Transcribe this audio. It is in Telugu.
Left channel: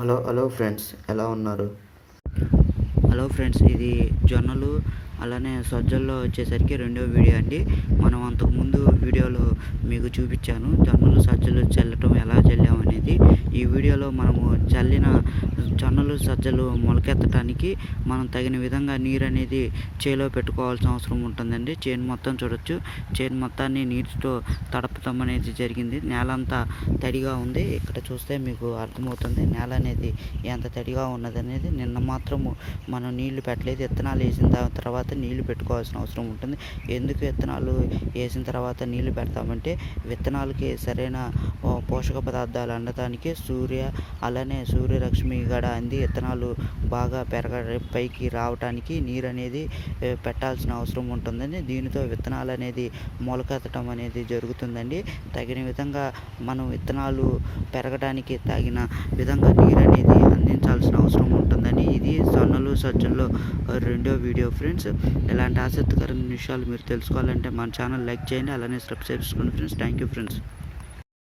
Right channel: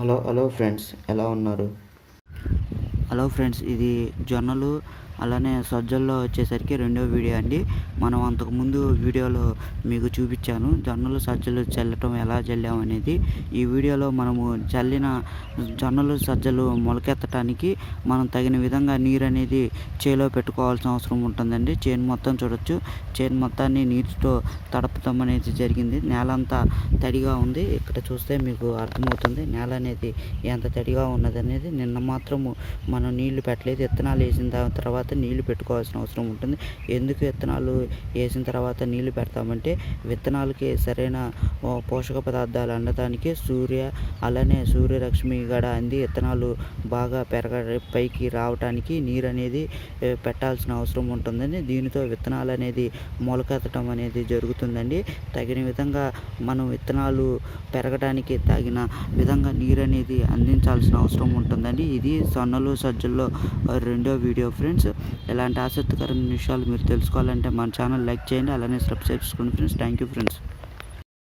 హలో ఫ్రెండ్స్, ఎలా ఉన్నారు? హలో ఫ్రెండ్స్, ఇది జొన్నలు అలానే సజ్జల్లో వచ్చేసరికి రెండో వీడియో అండి. మనం అంతకుముందు వీడియోలో మీకు చూపించాను జొన్నలు సజ్జలు చల్లటం ఎలా చల్లాము అనేది. ఈ వీడియోలో మనము చల్లిన జొన్నలు సజ్జలు మొలకెత్తడానికి మనం తగిన విధంగా నీరు అనేది చేలో పెట్టుకోవాల్సిన అవసరం ఉంటుందండి. చేను మొత్తం చూడొచ్చు, చేను మొత్తాన్ని నీటితో తడపటం అనేది జరిగింది. నేల అంతా తడిగా ఉంది. ఇక్కడ చూస్తే మీకు అర్థమవుతుంది నేల అనేది ఎంత తడిగా ఉన్నది అనేది. నిన్న మాత్రము మనం నీళ్లు పెట్టలేదు. విత్తనాలు వేసిన తర్వాత నీళ్లు పెట్టుకోవాల్సిన అవసరం ఉంటుంది. ఎందుకు విత్తనాలు వేసిన తర్వాత నీళ్లు పెడతామంటే విత్తనాలకి సరైన పోషక పదార్థాలు అందడానికి అలానే సూర్యరశ్మి గడ అంది విత్తనాలు బాగా పైకి రావడానికి నీరు అనేది పెట్టాల్సిన అవసరం ఉంటుందండి. దీనితో విత్తనాలు అనేది మొలకెత్తడం అనేది జరుగుతుందండి. తగిన విధంగా మనం విత్తనాలు పెరగడానికి తగిన విధంగా నీరు అనేది అందించాల్సిన అవసరం ఉంటుందండి. ఇది జొన్నలు సజ్జల్లో రెండో వీడియో ఫ్రెండ్స్. ఇలాంటి ఆసక్తికరమైన విషయాలు మీరు తెలుసుకోవాలంటే మన ఛానల్ లైక్ చేయండి, అలానే సబ్స్క్రైబ్ చేసుకోండి ఫ్రెండ్స్. Thank you friends.